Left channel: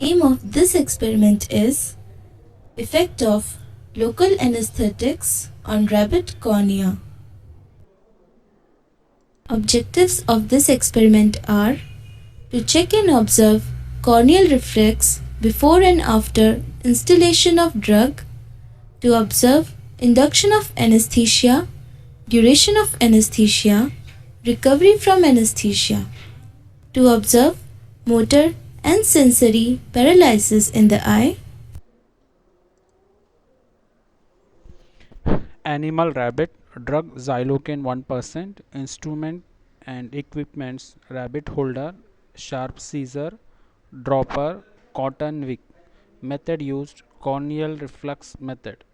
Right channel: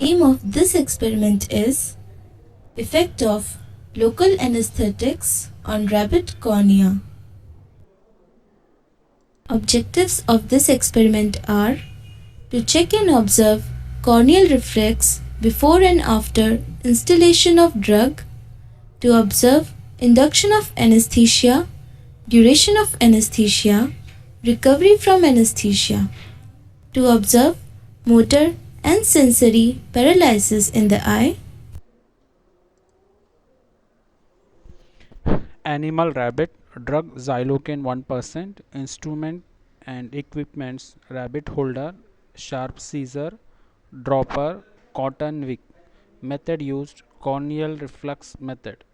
Aim of this experiment is effect of local anesthetics on rabbit cornea. Objectives of this experiment are to check and observe corneal reflex before and after instillation of drug, to observe induction of anesthesia, duration of anesthesia, recovery from anesthesia, to observe motor and sensory paralysis in the eye. Animal rabbit drug xylocaine 1%, instrument and equipments rabbit holder, sharp scissor, dropper, cotton wick. Method used corneal reflex method.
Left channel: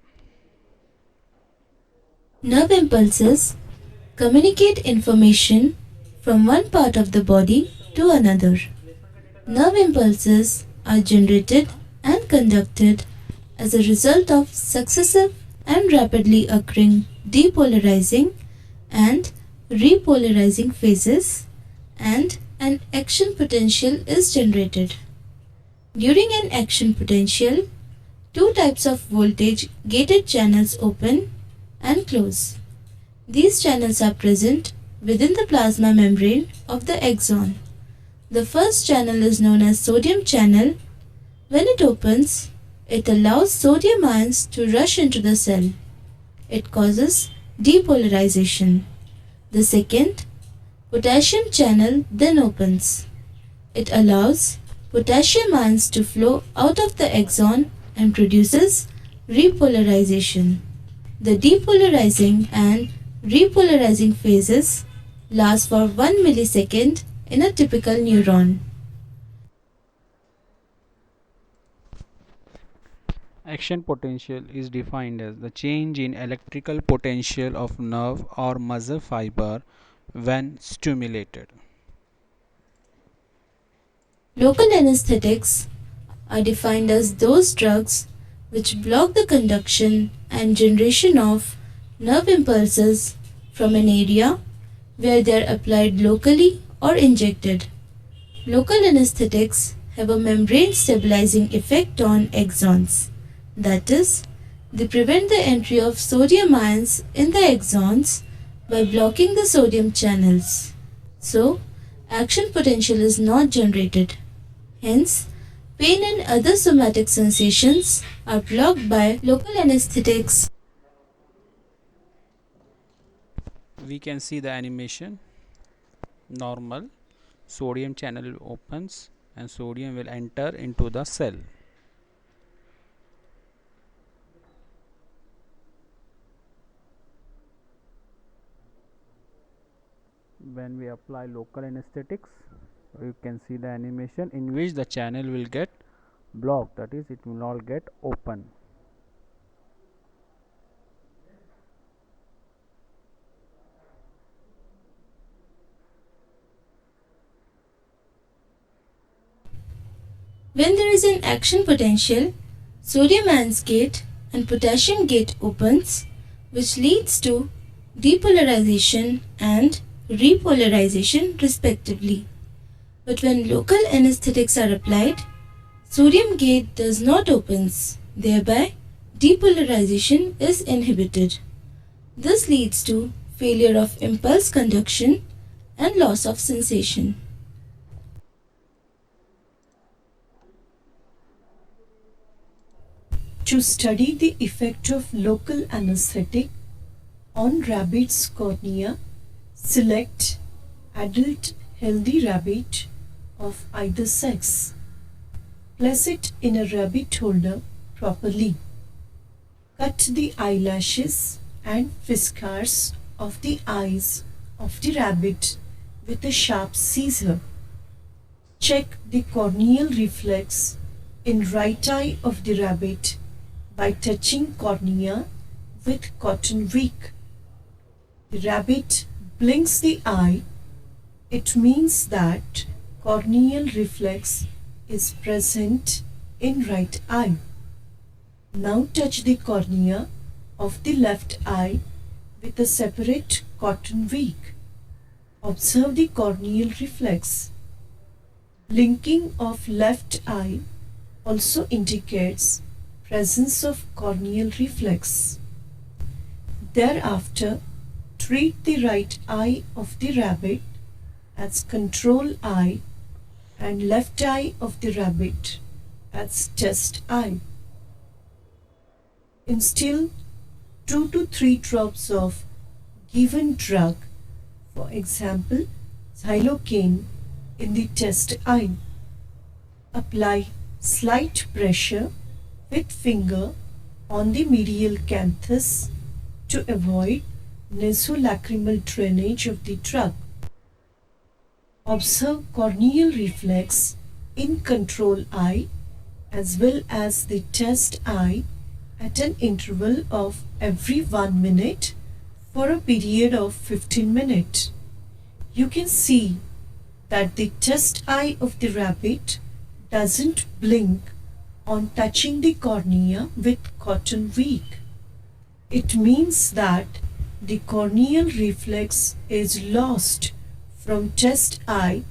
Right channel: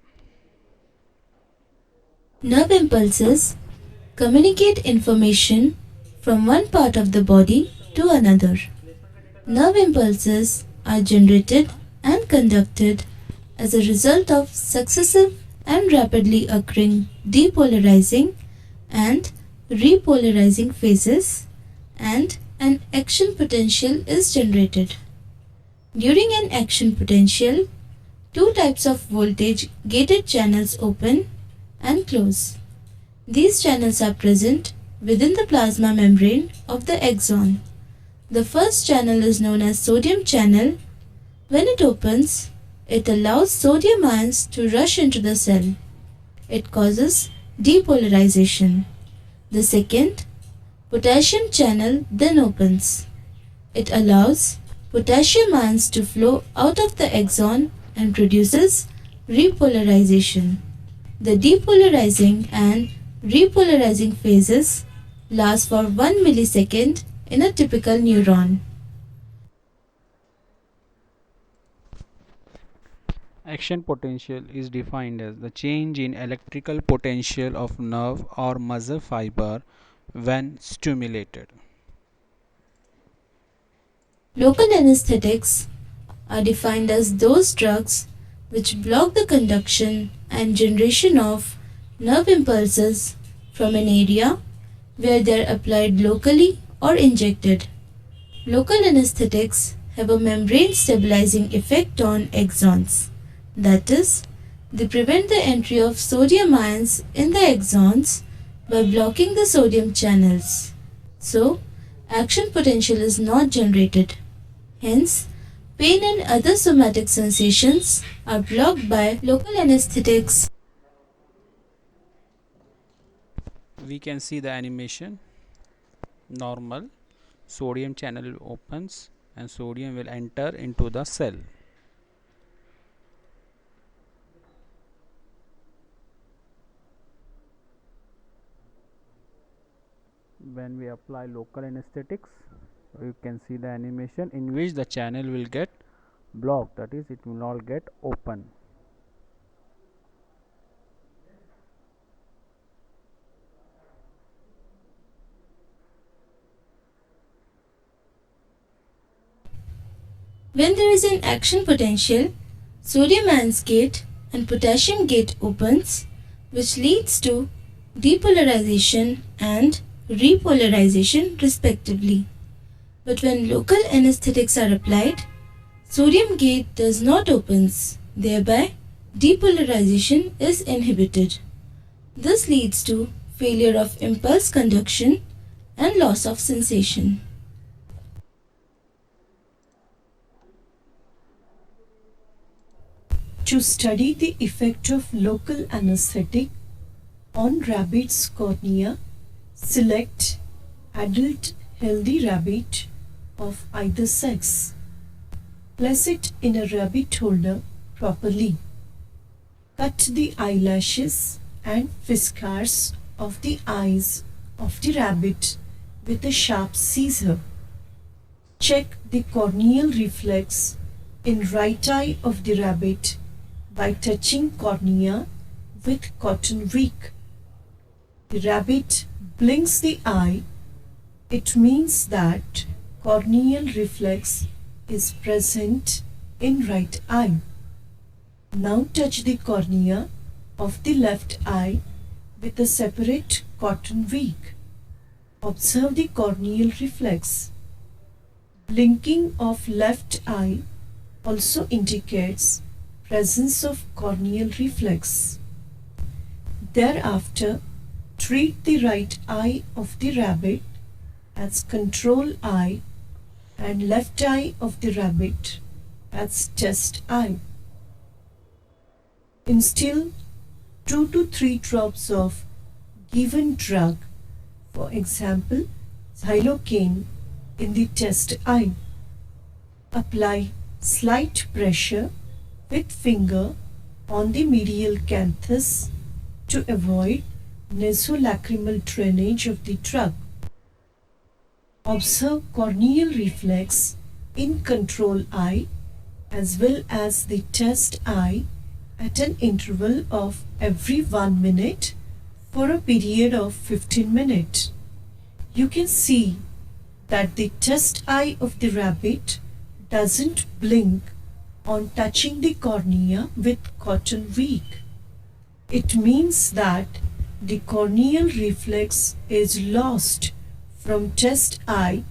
Nerve impulses communicate information from one part of the body to another. Nerve impulses are generated and conducted as a result of successive and rapidly occurring depolarizing and repolarizing phases, and an action potential is generated. During an action potential, two types of voltage gated channels open and close. These channels are present within the plasma membrane of the axon. The first channel is known as sodium channel. When it opens, it allows sodium ions to rush into the cell. It causes depolarization. The second, potassium channel, then opens. It allows potassium ions to flow out of the axon and produces repolarization. The depolarizing and repolarizing phases last for 1 millisecond in a typical neuron. Action potential is defined as the change in electrical potential of nerve or muscle fiber when stimulated. Local anesthetics are defined as those drugs which block the conduction and generation of nerve impulses from an area where they are applied locally or injected. Local anesthetics have a membrane stabilizing effect on axons. That is, they prevent the entry of sodium ions in the axons by blocking the sodium channels. So, action potential is not generated. Hence, pain and other somatic sensations are blocked by local anesthetics. We can see the animation normal, sodium channel opens and sodium will enter into the cell. When we apply local anesthetics, you can see the animation in which the channel will get blocked, that is, it will not get open. When there is an action potential, sodium ions gate and potassium gate opens, which leads to depolarization and repolarization respectively. But when local anesthetics are applied, sodium gate does not opens, thereby depolarization is inhibited. This leads to failure of impulse conduction and loss of sensation. To study the effect of local anesthetic on rabbit's cornea, select adult healthy rabbit of either sex. Place it in a rabbit holder properly. Cut the eyelashes and whiskers of the eyes of the rabbit with a sharp scissor. Check the corneal reflex in right eye of the rabbit by touching cornea with cotton wick. The rabbit blinks the eye. It means that corneal reflex is present in right eye. Now touch the cornea of the left eye with a separate cotton wick. Observe the corneal reflex. Blinking of left eye also indicates presence of corneal reflex. Thereafter, treat the right eye of the rabbit as control eye and left eye of the rabbit as test eye. Instill 2 to 3 drops of given drug, for example xylocaine, in the test eye. Apply slight pressure with finger on the medial canthus to avoid nasolacrimal drainage of the drug. Observe corneal reflex in control eye as well as the test eye at an interval of every 1 minute for a period of 15 minutes. You can see that the test eye of the rabbit doesn't blink on touching the cornea with cotton weak. It means that the corneal reflex is lost from test eye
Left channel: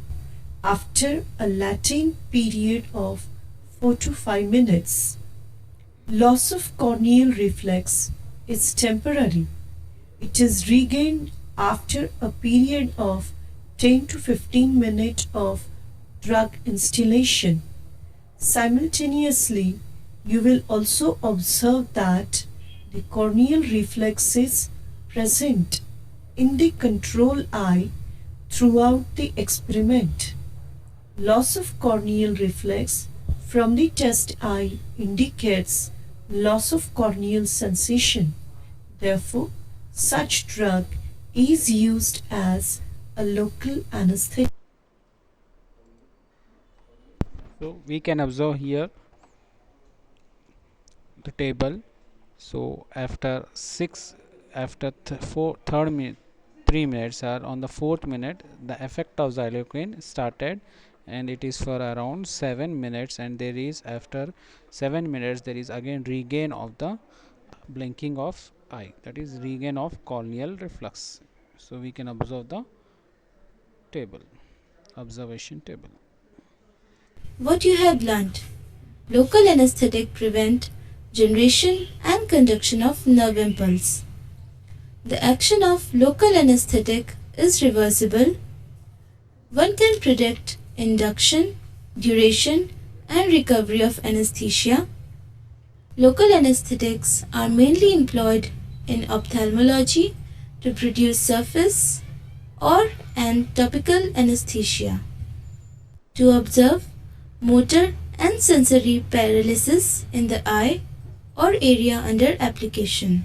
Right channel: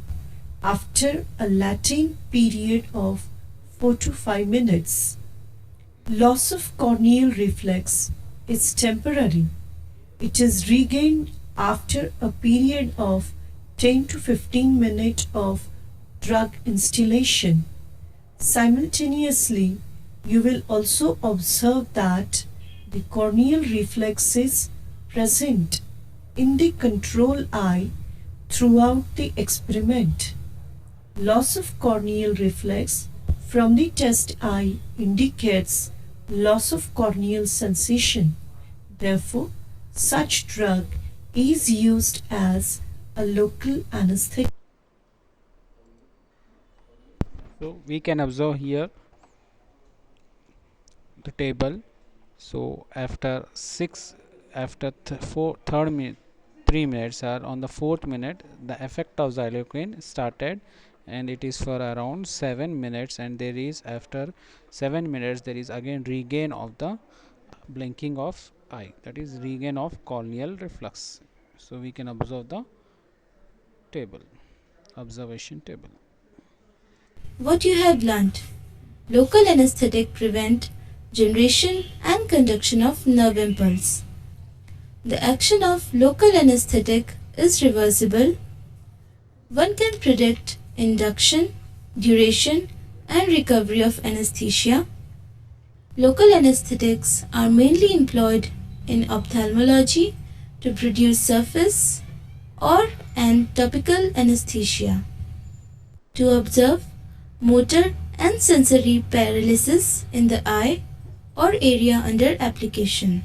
after a latent period of 4 to 5 minutes. Loss of corneal reflex is temporary. It is regained after a period of 10 to 15 minutes of drug instillation. Simultaneously, you will also observe that the corneal reflex is present in the control eye throughout the experiment. Loss of corneal reflex from the test eye indicates loss of corneal sensation. Therefore, such drug is used as a local anesthetic. So we can observe here the table. So after 3 minutes, or on the 4th minute, the effect of xylocaine started, and it is for around 7 minutes, and there is, after 7 minutes, there is again regain of the blinking of eye, that is regain of corneal reflex. So we can observe the table, observation table. What you have learnt. Local anesthetic prevent generation and conduction of nerve impulse. The action of local anesthetic is reversible. One can predict induction, duration and recovery of anesthesia. Local anesthetics are mainly employed in ophthalmology to produce surface or and topical anesthesia. To observe motor and sensory paralysis in the eye or area under application.